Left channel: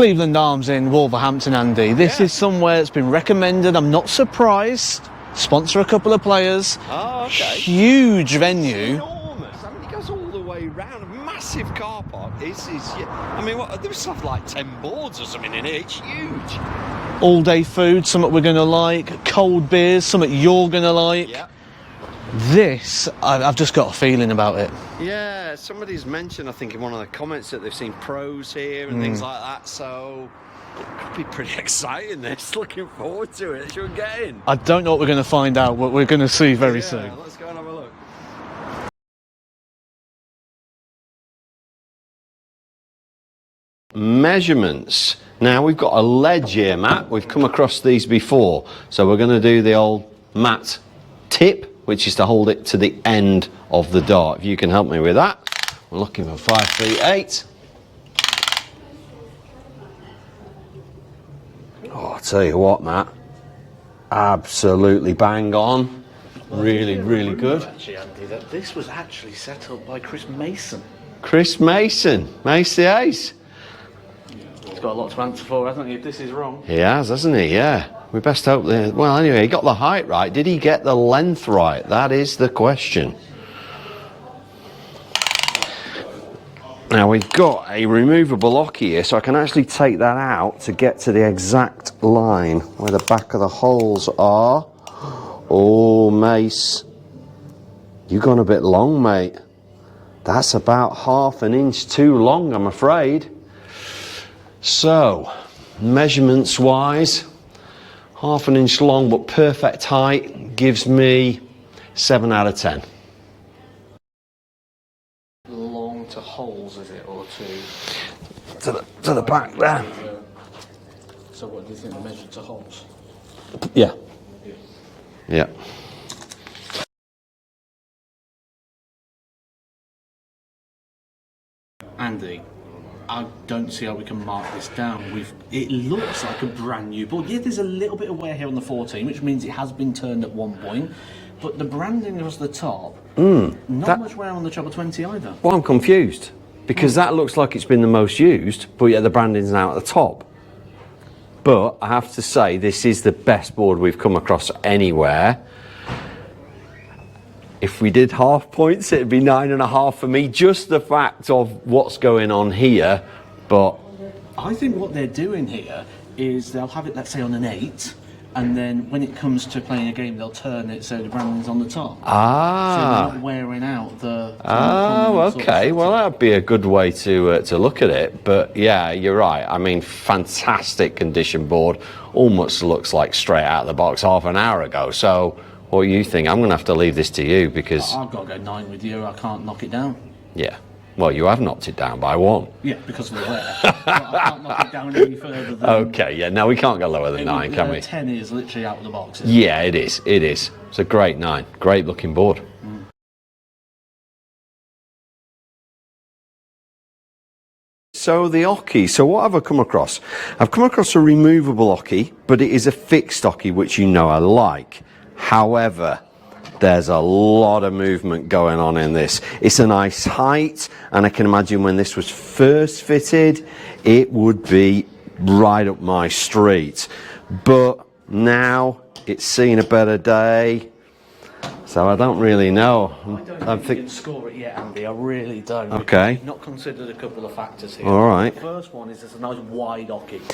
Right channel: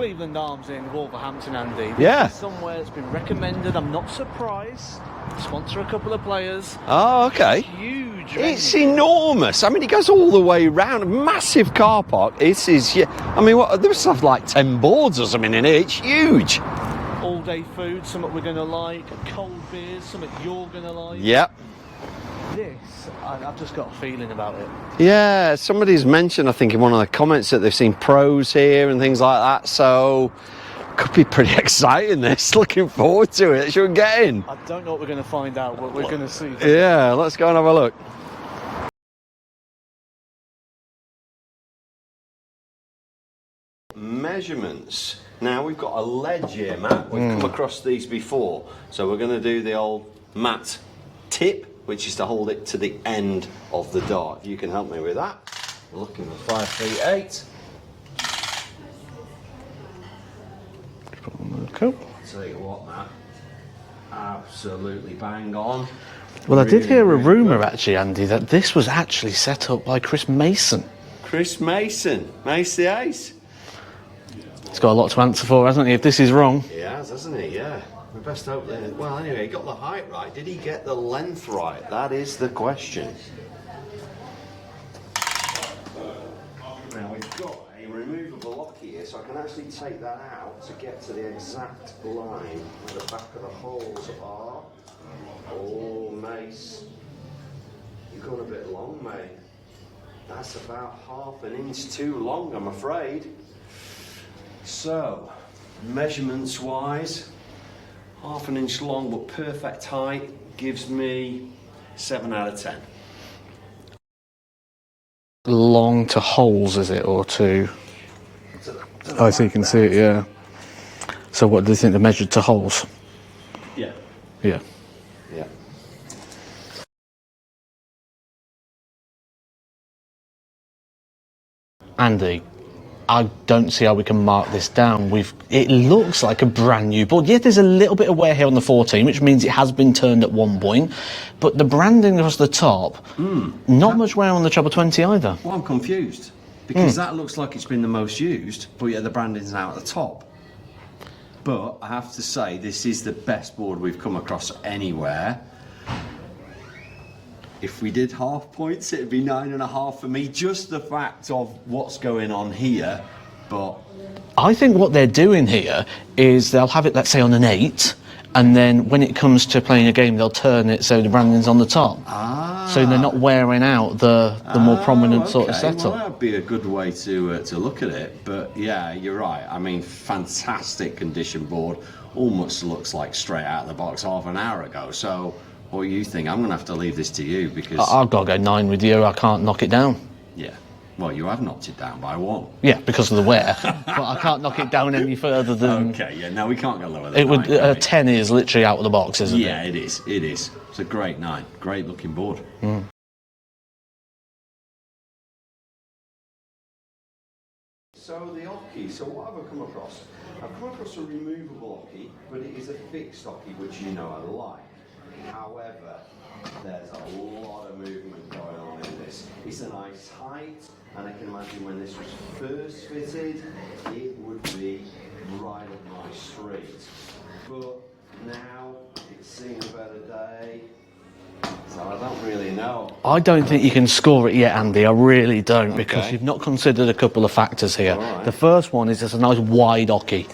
Cleveland Arms in Wolverhampton, Andy. This is somewhere that's been recommended. I'm not surprised. Sponsor a couple of players. Oh, okay. Huge venue. It's enormous. I mean, it goes all the way around. A massive car park. This is, yeah. I mean, what? There must have like 10 boards or something in here. It's huge. All day food, something we're going to like. Cold beers, something you're going to like. Yep. This, I've just got a feeling about it. Yeah, somebody's mentioned, I think, in one of the comments that they've seen pros here and things like that. So, could be pretty exciting, this. Looking forward to it. Should we get in? I don't know what we're going to find out, what we're going to see very soon. Yeah, let's go and have a look. Measurements. Now, we've got a ledge here, Matt. We've come across these before. So we're going to do the old Matt tip, which is to hold it to the end of the dart. If you can help me with that. We're looking for 538. Cool. Oh, I'll tell you what, Matt. Absolutely bang on. Well, I did hear a rumour, good. actually, Andy, that this was actually set up by Chris Mason. Chris Mason, Mace the Ace. He's got a lot to answer for, hasn't he, if this is wrong? He has, hasn't he? Yeah. We best hope that... Well, anyway, he got the height right. Did he get the length right? That is the question. Now, we've got a removable oche here, so I can actually take that out to get to the exact line where the back of the holes are. Oh, Mace. You've gone a bit long, mate. That's about ½ an inch too long, I'm afraid. So, measurements-wise... ½ an inch long, but perfect height, gives me 7 out of 10. Long to holes, is it, or to the so back you can there. see it, yeah. So what do you think they're measured to holes? Yeah. Yeah. Yeah. Andy, I don't see how we can mark this down. It looks like a brand new board. Yes, there's a little bit of wear here on the 14, which means it has been turned at one point. But the branding across the top, not much wear on the treble 20 either. Well, I'm confused because that looks like it's been the most used, but yet the branding's now at the top. But I have to say, this is the best board we've come across anywhere. If we did half points, it'd be 9.5 for me. Just the fact of what's going on here, but I think what they're doing here is they'll have it, let's say, on an 8, and then when it comes to playing a game, they'll turn it so the branding's on the top. Ah. So they're not wearing out the more prominent sort of okay. setup. Well, that'd be a good way to look at it. But yeah, you're right. I mean, fantastic condition board. Almost looks like straight out of the box half an hour ago. So what do you think? I'm going to have to leave this to you because... I've got to go 9 with you. I can't knock it down. Yeah. Well, you have knocked it down by 1. Yeah, because of the wear. But I can't knock it down any further than... Okay, yeah. No, we can't go lower than 9, can we? 10 is literally out of the box, isn't it? Yeah, it is. It is. It's a great 9. Great looking board. So the oche, so what have I come across? I've come across a removable oche, but it is a fixed oche, which you know I like. However, there's a lot of movement going on in this. It's a nice height, and I can imagine when this was first fitted, it would be right up my street. But now it's seen a better day. So I don't really know. I don't think you can score it yet, Andy. I really don't. Because Okay. you've not considered a couple of factors here. All right. The first one is it's a nice wide oche.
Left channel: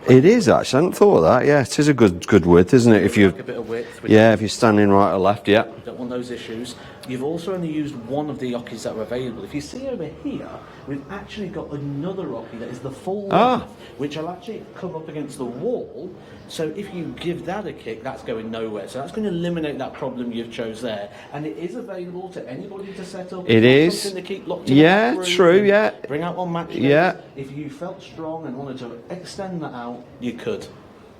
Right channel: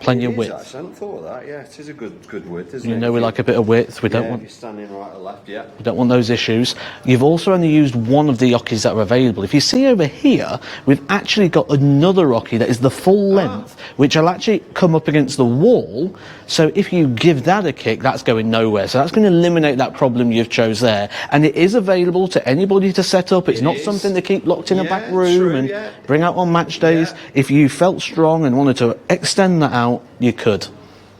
It Plenty of is width. actually. I hadn't thought of that. Yeah, it is a good width, isn't it? You know, we like a bit of width. We don't yeah, want- if you're standing right or left, yeah. You don't want those issues. You've also only used one of the oches that are available. If you see over here, we've actually got another oche that is the full length, which will actually come up against the wall. So if you give that a kick, that's going nowhere. So that's going to eliminate that problem you've chose there. And it is available to anybody to set up. It's It not is. something to keep locked in a Yeah, back room. true, and yeah. Bring out on match days. Yeah. If you felt strong and wanted to extend that out, you could.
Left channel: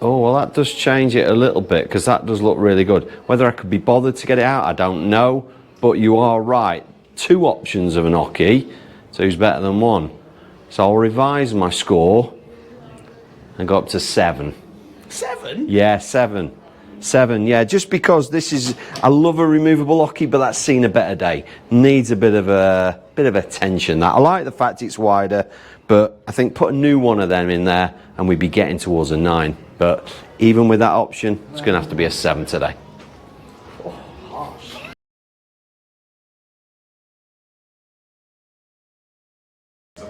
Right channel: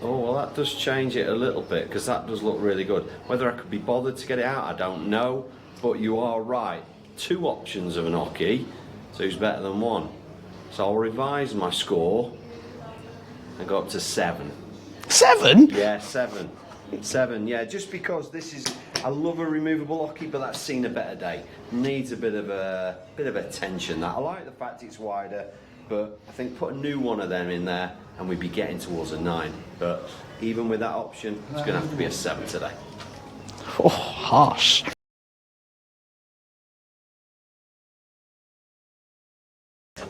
Oh, well, that does change it a little bit because that does look really good. Whether I could be bothered to get it out, I don't know. But you are right. 2 options of an oche. So who's better than 1? So I'll revise my score and go up to 7. 7? Yeah, 7. 7, yeah, just because this is... I love a removable oche, but that's seen a better day. Needs a bit of attention. That I like the fact it's wider, but I think put a new one of them in there and we'd be getting towards a 9. But even with that option, it's going to have to be a 7 today. Oh, harsh.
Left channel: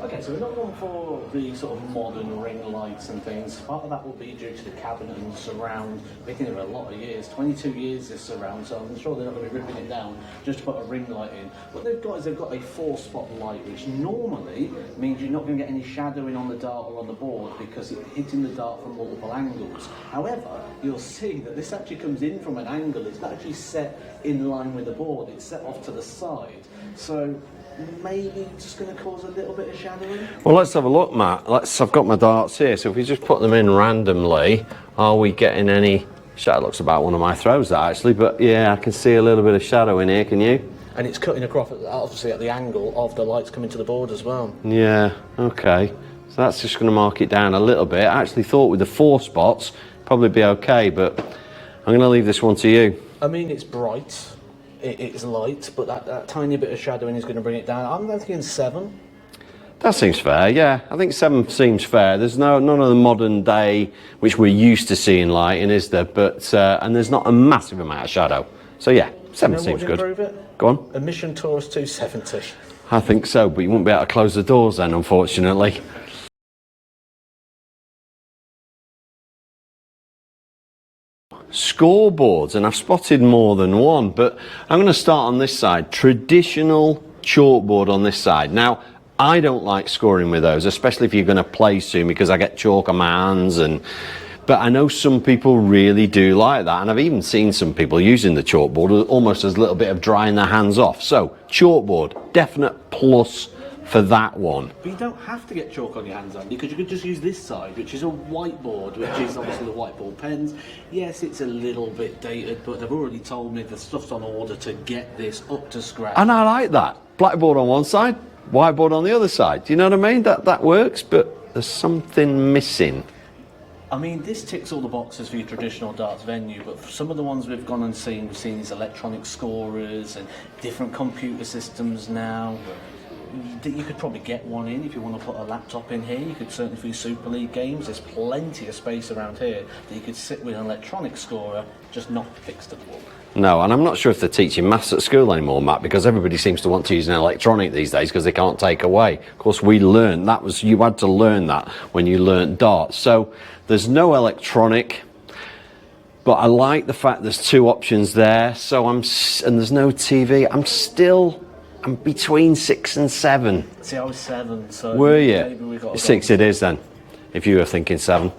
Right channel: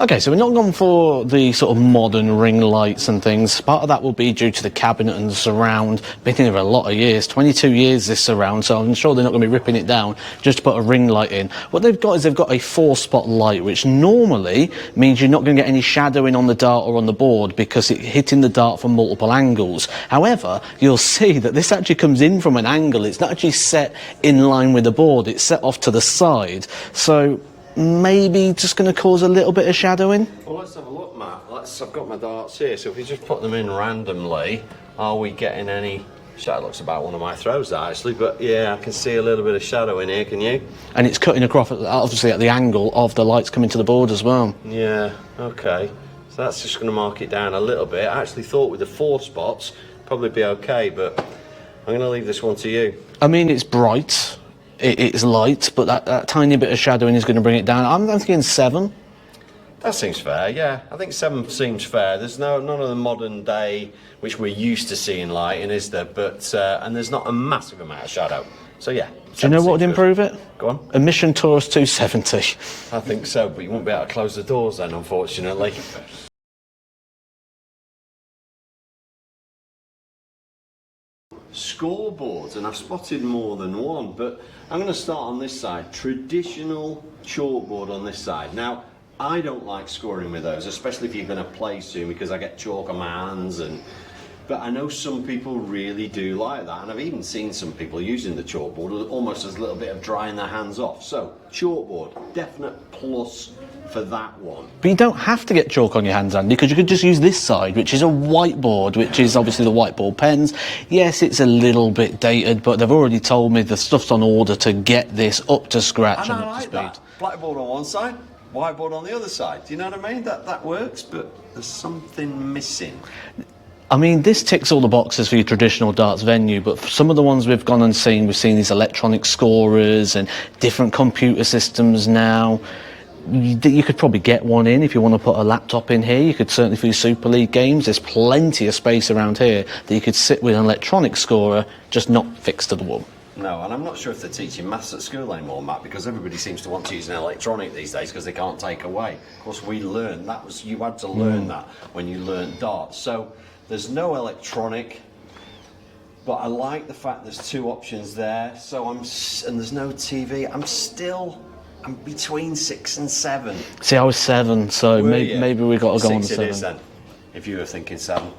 Okay, so we're not gone for the sort of modern ring lights and things. Part of that will be due to the cabinet and the surround. Been here a lot of years, 22 years this surround, so I'm sure they're not going to be ripping it down just to put a ring light in. What they've got is they've got a 4-spot light, which normally means you're not going to get any shadowing on the dart or on the board because it's hitting the dart from multiple angles. However, you'll see that this actually comes in from an angle. It's not actually set in line with the board, it's set off to the side. So maybe just going to cause a little bit of shadowing. Well, let's have a look, Matt. I've got my darts here, so if we just put them in randomly, are we getting any shadow? Looks about one of my throws, that actually, but yeah, I can see a little bit of shadow in here, can you? And it's cutting across, obviously, at the angle of the lights coming to the board as well. Yeah, okay. So that's just going to mark it down a little bit. I actually thought with the 4 spots, probably be okay, but I'm going to leave this one to you. I mean, it's bright. It's light, but that tiny bit of shadowing is going to bring it down. I'm thinking 7. That seems fair, yeah. I think 7 seems fair. There's none of the modern day, which we're used to seeing lighting, is there? But and there's not a massive amount of shadow. So yeah. Do you know what would improve it? Go on. Emission Taurus 270. I think so, but you won't be able to close the doors then, unfortunately. Scoreboards, and I've spotted more than one, but I'm going to start on this side. Traditional chalkboard on this side. Now, I don't like scoring with those, especially if you're going to play soon, because I get chalk on my hands, but I know some people really do like that, and I've even seen some people using the chalkboard almost as a little bit of drying their hands off. So chalkboard, definite plus for that one. But you don't have to get chalk on your hands, Andy, because you could just use this side, which is a whiteboard, which is obviously the whiteboard pens. Yes, it's a little bit dated, but they've already told me the stuff's on order to get this up to scratch. And I like that. Blackboard on one side, whiteboard on the other side. Do you know what I mean? That works, but there's something missing. I mean, this ticks all the boxes for your traditional darts venue, but for some of the ones we've gone and seen, we've seen these electronic scorers and different computer systems now. You could probably get one in if you want to put a laptop in here. You could certainly for your Super League games. There's plenty of space around here that you could sit with an electronic scorer, just not fixed to the wall. No, and I'm not sure if they're teaching maths at school anymore, Matt, because everybody seems to want to use an electronic these days because they can't take away. Of course, we learned you had to learn that when you learnt darts. So there's no electronic, but I like the fact there's 2 options there. So and there's no TV. I'm between 6 and 7. See, I was 7, so maybe we got to go 6 it is then, if you were thinking 7.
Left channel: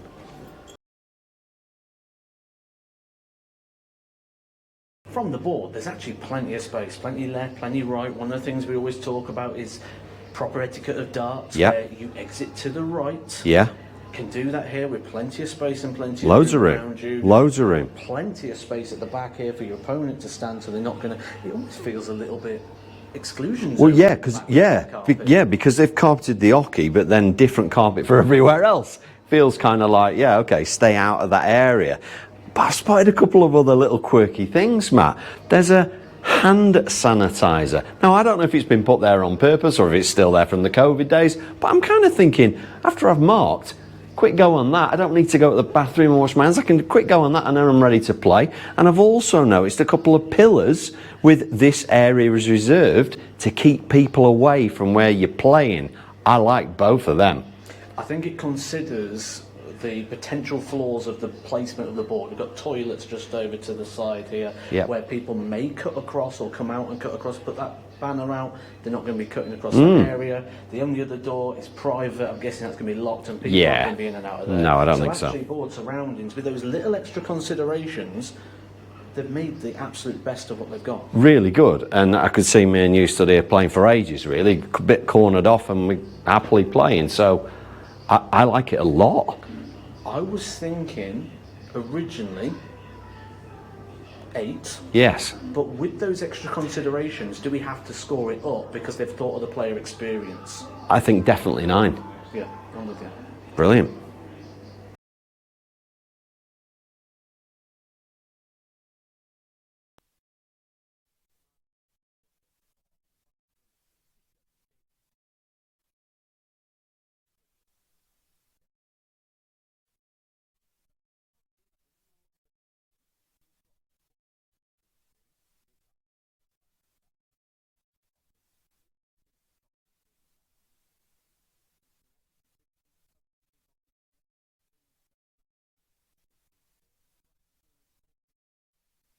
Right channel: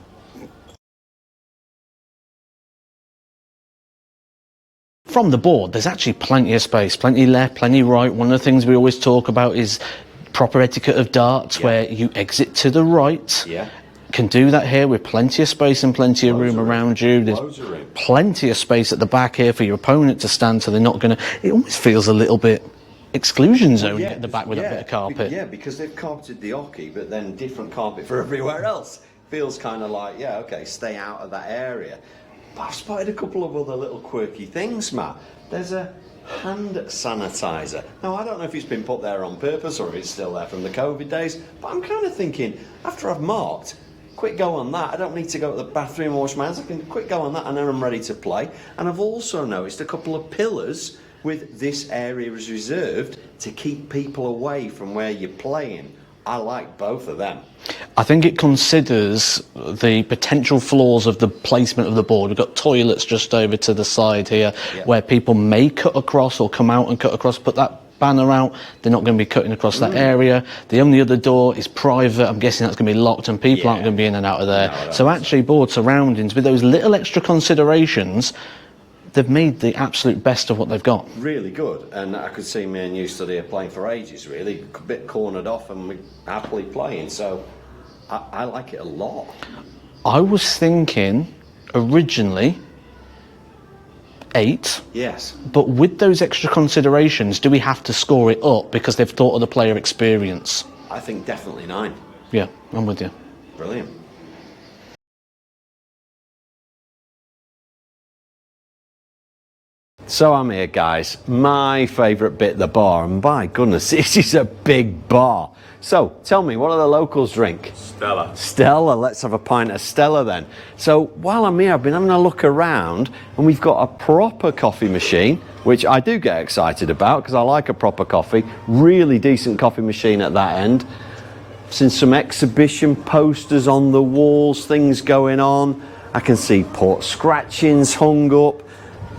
From the board, there's actually plenty of space, plenty left, plenty right. One of the things we always talk about is proper etiquette of darts, where you exit to the right. Yeah. Can do that here with plenty of space and plenty of room around you. Loads of room. Plenty of space at the back here for your opponent to stand, so they're not going to... It almost feels a little bit... exclusion zone at the back with the carpet. Yeah, because they've carpeted the oche, but then different carpet for everywhere else. Feels kind of like, yeah, okay, stay out of that area. But I've spotted a couple of other little quirky things, Matt. There's a hand sanitizer. Now, I don't know if it's been put there on purpose or if it's still there from the COVID days, but I'm kind of thinking, after I've marked, quick go on that. I don't need to go to the bathroom and wash my hands. I can quick go on that and then I'm ready to play. And I've also noticed a couple of pillars with this area is reserved to keep people away from where you're playing. I like both of them. I think it considers the potential flaws of the placement of the board. We've got toilets just over to the side here where people may cut across or come out and cut across. Put that banner out, they're not going to be cutting across that area. The only other door is private. I'm guessing that's going to be locked and people aren't going to be in and out of there. No, I don't so think actually board surroundings with those little extra considerations, they've made the absolute best of what they've got. Really good, and I could see me and you stood here playing for ages, really, a bit cornered off and we happily playing, so I like it a lot. I was thinking originally 8. Yes. But with those extra considerations, do we have to score it up because they've thought of the player experience? I think definitely 9. Yeah, I'm with you. Brilliant. So I'm here, guys. My favourite bit, the bar, and by goodness, this is a big bar. So, tell me, what do the locals drink? Stella. Stella, let's have a pint of Stella then. So, while I'm here, I've been having a look around, and we've got a proper coffee machine, which I do get excited about, because I like a proper coffee. Really decent coffee machine at that end. Seen some exhibition posters on the walls, things going on. I can see port scratchings hung up.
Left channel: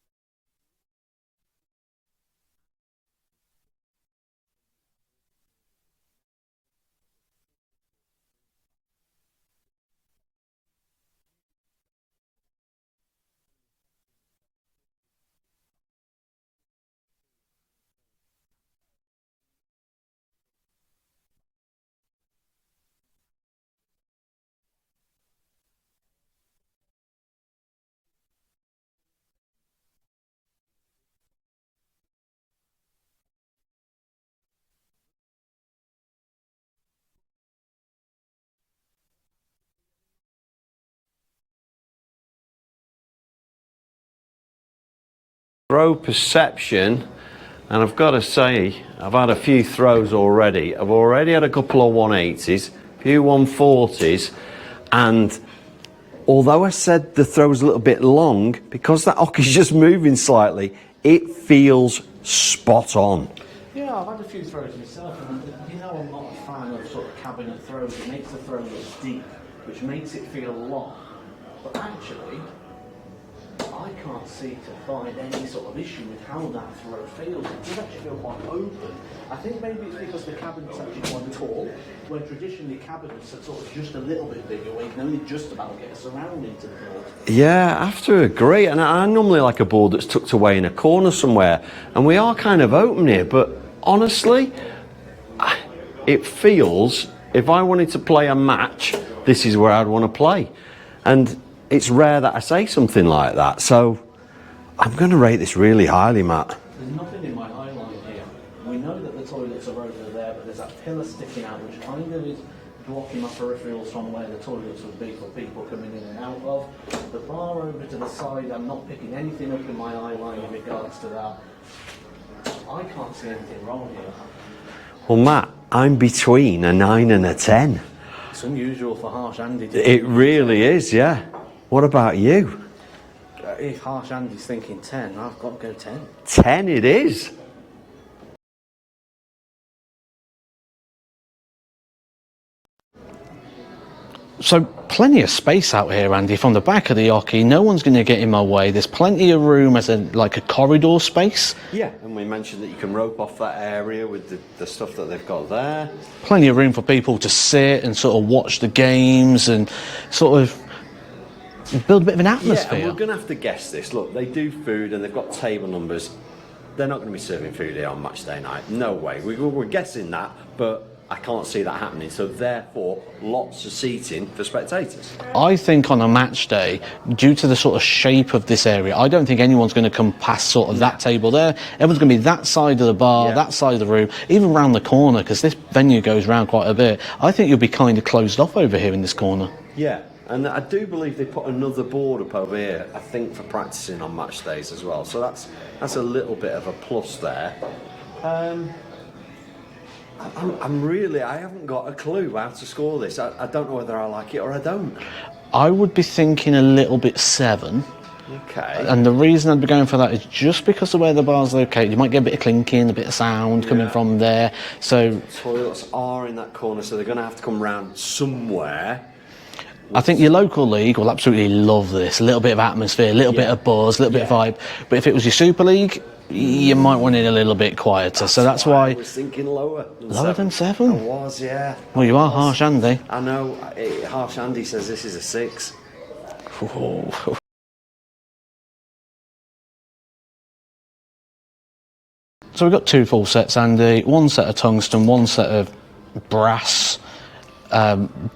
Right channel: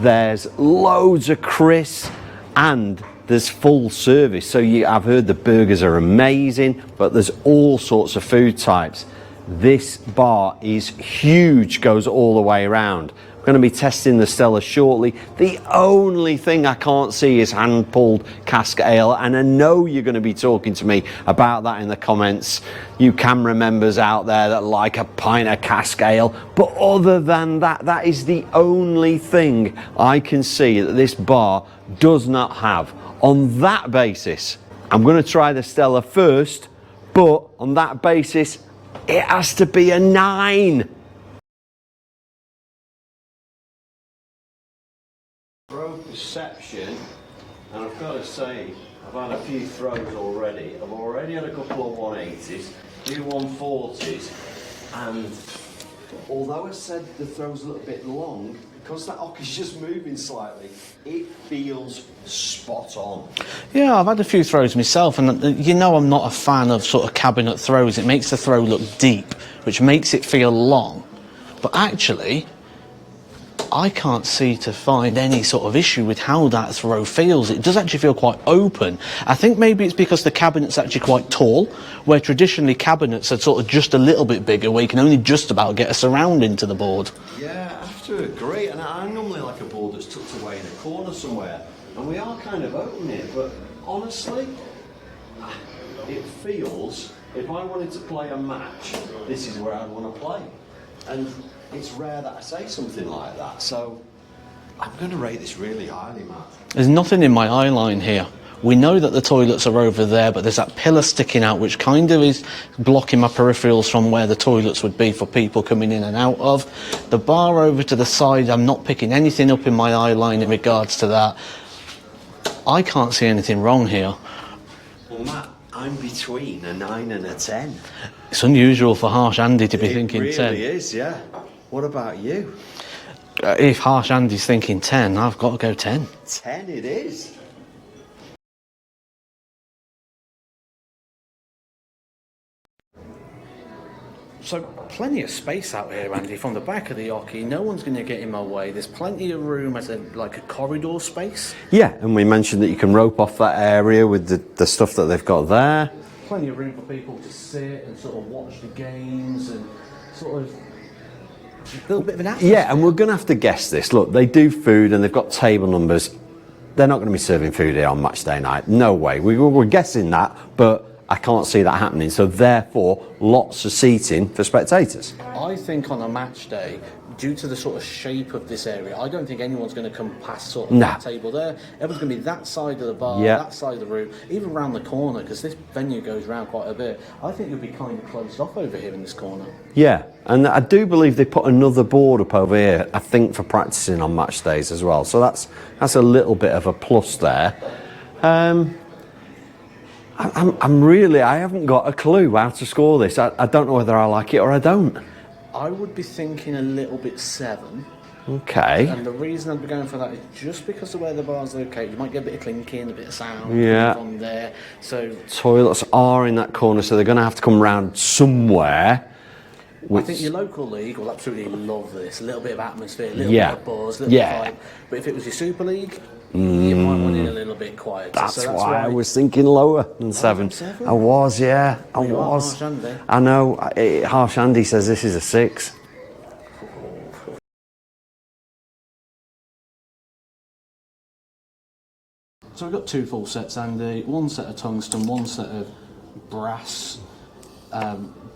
There's loads of crisps, and there's full service. So I've heard the burgers are amazing, but there's all sorts of food types. This bar is huge, goes all the way around. I'm going to be testing the Stella shortly. The only thing I can't see is hand-pulled cask ale, and I know you're going to be talking to me about that in the comments. You camera members out there that like a pint of cask ale. But other than that, that is the only thing I can see that this bar does not have. On that basis, I'm going to try the Stella first, but on that basis, it has to be a 9. Throw perception, and I've got to say, I've had a few throws already. I've already had a couple of 180s, a few 140s, and although I said the throw's a little bit long, because that oche's just moving slightly, it feels spot on. Yeah, I've had a few throws myself, and you know I'm not a fan of sort of cabinet throws. It makes the throw look deep, which makes it feel long. But actually, I can't see to find any sort of issue with how that throw feels. It does actually feel quite open. I think maybe it's because the cabinet's actually quite tall, where traditionally cabinets are sort of just a little bit bigger, where you can only just about get a surround into the board. Yeah, I have to agree. And I normally like a board that's tucked away in a corner somewhere, and we are kind of open here, but honestly, it feels, if I wanted to play a match, this is where I'd want to play. And it's rare that I say something like that, so I'm going to rate this really highly, Matt. There's nothing in my eye line here. We know that the toilets are over there, but there's that pillar sticking out which kind of is blocking my peripherals from where the toilets would be for people coming in and out of. The bar over to the side, I'm not picking anything up in my eye line in regards to that. I can't see anything wrong here. Well, Matt, I'm between a 9 and a 10. It's unusual for Harsh Andy to be It thinking really 10. is, yeah. What about you? If Harsh Andy's thinking 10, I've got to go 10. 10 it is. So plenty of space out here, Andy, from the back of the oche. No one's going to get in my way. There's plenty of room as like a corridor space. Yeah, and we mentioned that you can rope off that area with the stuff that they've got there. Plenty of room for people to sit and sort of watch the games and sort of build a bit of an atmosphere. Yeah, and we're going to have to guess this. Look, they do food and they've got table numbers. They're not going to be serving food here on match day night. No way. We're guessing that, but I can't see that happening. So therefore, lots of seating for spectators. I think on a match day, due to the sort of shape of this area, I don't think anyone's going to come past sort of that table there. Everyone's going to be that side of the bar, that side of the room, even round the corner, because this venue goes round quite a bit. I think you'll be kind of closed off over here in this corner. Yeah, and I do believe they put another board up over here, I think, for practicing on match days as well. So that's a little bit of a plus there. I haven't got a clue how to score this. I don't know whether I like it or I don't. I would be thinking a little bit 7. Okay. And the reason I'd be going for that is just because of where the bar's located. You might get a bit of clinking, a bit of sound coming from there. So toilets are in that corner, so they're going to have to come round somewhere. I think your local league will absolutely love this. A little bit of atmosphere, a little bit of buzz, a little bit of vibe. But if it was your Super League, you might want it a little bit quieter. That's why I was thinking lower than 7. Than 7? I was, yeah. Well, you are Harsh Andy. I know. Harsh Andy says this is a 6. So we've got 2 full sets, Andy. 1 set of tungsten, 1 set of brass.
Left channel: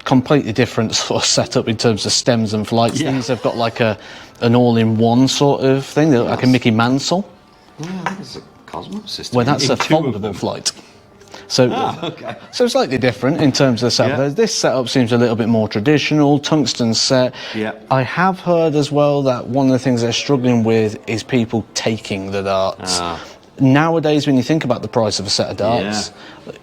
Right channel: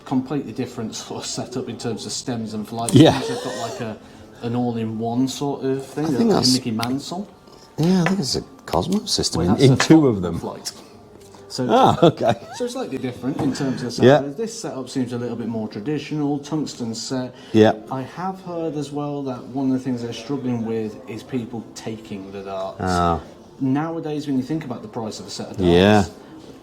Completely different sort of setup in terms of stems and flight. These have got like an all-in-one sort of thing. They look like a Mickey Mantle. Yeah, I think it's a Cosmos system. Well, that's in a 2 of them. flight. So, okay. So slightly different in terms of the setup. Yeah. This setup seems a little bit more traditional, tungsten set. Yeah. I have heard as well that one of the things they're struggling with is people taking the darts. nowadays, when you think about the price of a set of darts,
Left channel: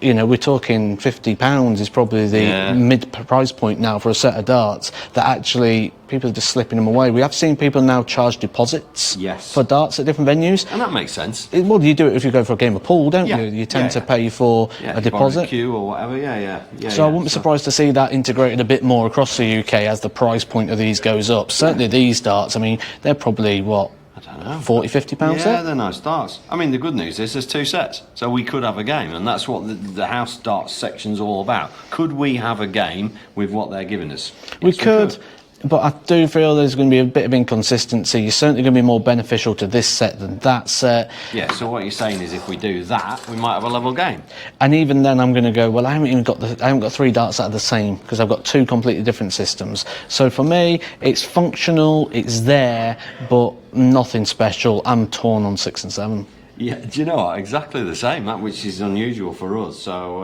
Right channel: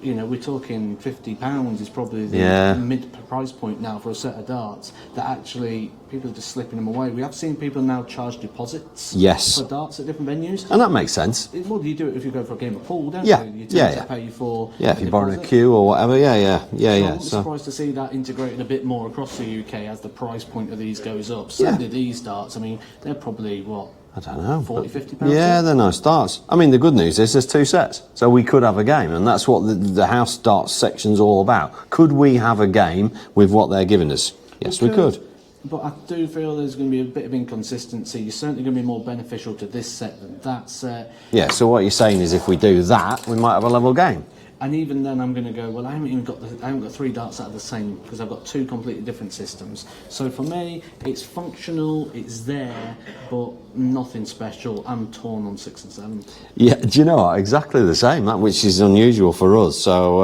you know, we're talking £50 is probably the mid-price point now for a set of darts, that actually people are just slipping them away. We have seen people now charge deposits for darts at different venues. And that makes sense. Well, you do it if you go for a game of pool, don't you? You tend to pay for a deposit. A queue or whatever, So I wouldn't be surprised to see that integrated a bit more across the UK as the price point of these goes up. Certainly these darts, I mean, they're probably, what, I don't know, £40, £50 Yeah, they're nice darts. I mean, the good news is there's 2 sets, so we could have a game, and that's what the house darts section's all about. Could we have a game with what they're giving us? Yes, we could. But I do feel there's going to be a bit of inconsistency. You're certainly going to be more beneficial to this set than that set. Yeah, so what you're saying is if we do that, we might have a level game. And even then I'm going to go, well, I haven't got 3 darts that are the same, because I've got 2 completely different systems. So for me, it's functional, it's there, but nothing special. I'm torn on 6 and 7. Yeah, do you know what? Exactly the same, that which is unusual for us. So,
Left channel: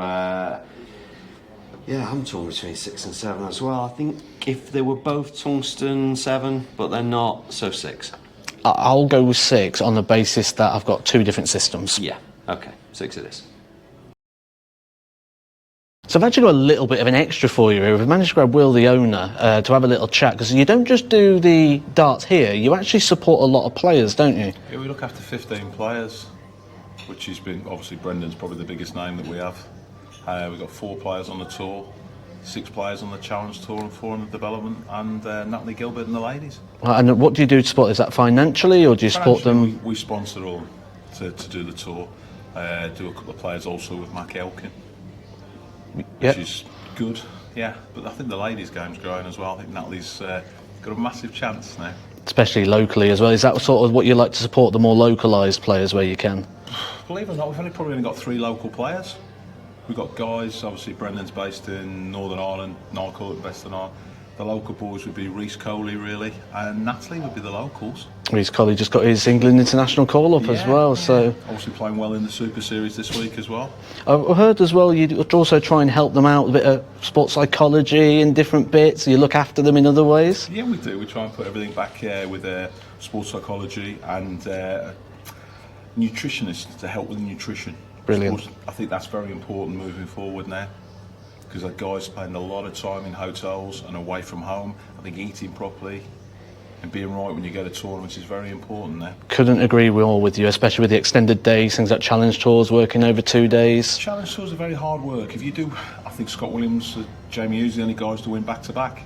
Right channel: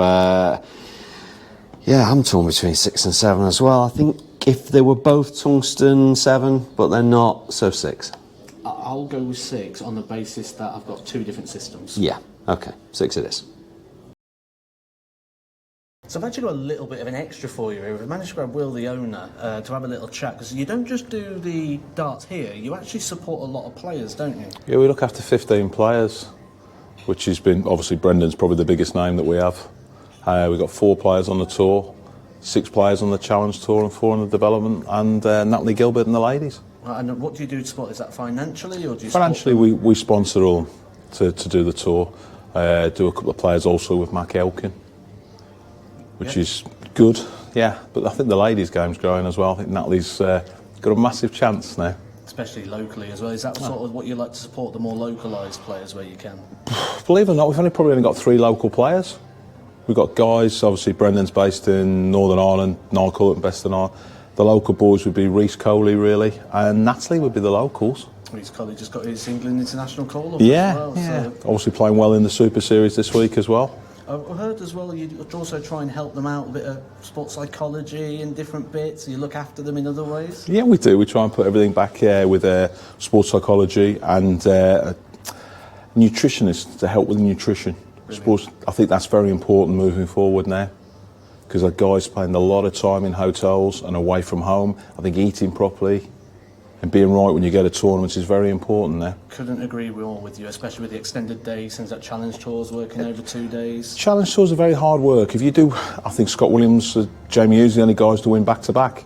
yeah, I'm torn between 6 and 7 as well. I think if they were both tungsten, 7, but they're not, so 6. I'll go with 6 on the basis that I've got 2 different systems. Yeah, okay, 6 it is. So I've actually got a little bit of an extra for you here. We've managed to grab Will, the owner, to have a little chat, because you don't just do the darts here, you actually support a lot of players, don't you? Yeah, we look after 15 players, which has been, obviously Brendan's probably the biggest name that we have. We've got 4 players on the tour, 6 players on the Challenge Tour and 4 on the development, and Natalie Gilbert and the ladies. And what do you do to support? Is that financially, or do you support them? We sponsor all to do the tour. Do a couple of players also with Mac Elkin, which is good, but I think the ladies' game's growing as well. I think Natalie's got a massive chance now. Especially locally as well. Is that sort of what you like to support, the more localised players where you can? Believe it or not, we've probably only got 3 local players. We've got guys, obviously Brendan's based in Northern Ireland, Nicoll and Beston. The local boys would be Reece Coley, really, and Natalie would be the locals. Reece Coley just got his England international call-up as well. So obviously playing well in the Super Series this week as well. I've heard as well you also try and help them out with a bit of sports psychology and different bits. You look after them in other ways? Yeah, we do. We try and put everything back with sports psychology and nutritionists to help with nutrition. Brilliant. I think that's very important moving forward now, because the guys spend a lot of time in hotels and away from home. I think eating properly and being right when you go to tournaments is very important now. Couldn't agree more with you, especially with the extended days, things like Challenge Tours working over 2 days. Challenge Tours are very hard work. If you do, I think Scott Williams, Jamie Hughes, the only guys to win back-to-back.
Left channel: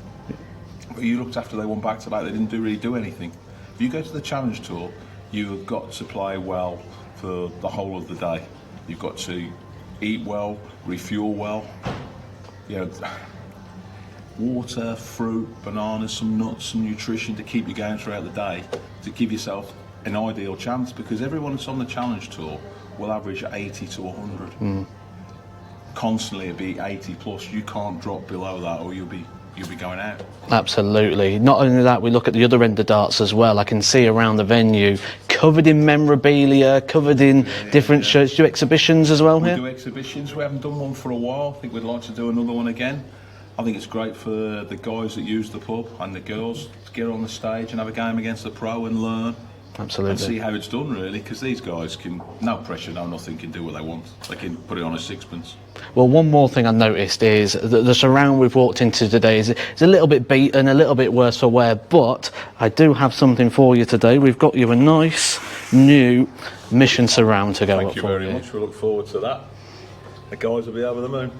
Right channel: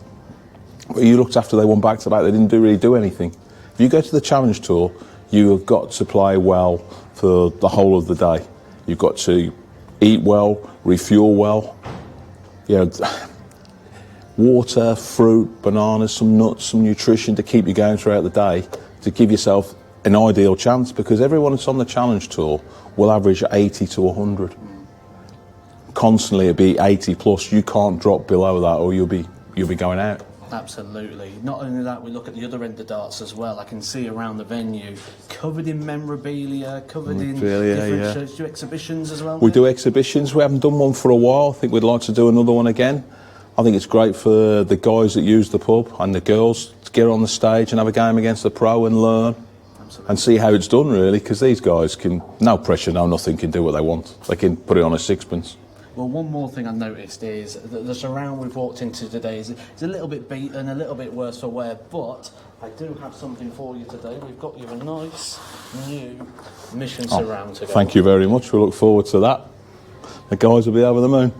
You looked after they won back-to-back, they didn't really do anything. If you go to the Challenge Tour, you have got to play well for the whole of the day. You've got to eat well, refuel well. You know, water, fruit, bananas, some nuts, some nutrition to keep you going throughout the day, to give yourself an ideal chance, because everyone that's on the Challenge Tour will average 80 to 100. Constantly it'll be 80 plus. You can't drop below that or you'll be going out. Absolutely. Not only that, we look at the other end of darts as well. I can see around the venue covered in memorabilia, covered in different shirts. Do you do exhibitions as well? We do exhibitions. We haven't done one for a while. I think we'd like to do another one again. I think it's great for the guys that use the pub and the girls to get on the stage and have a game against the pro and learn. Absolutely. And see how it's done, really, because these guys can, no pressure, no nothing, can do what they want. They can put it on a sixpence. Well, one more thing I noticed is that the surround we've walked into today is a little bit beaten, a little bit worse for wear, but I do have something for you today. We've got you a nice new Mission surround to go. Thank you very much. We look forward to that. The guys will be over the moon.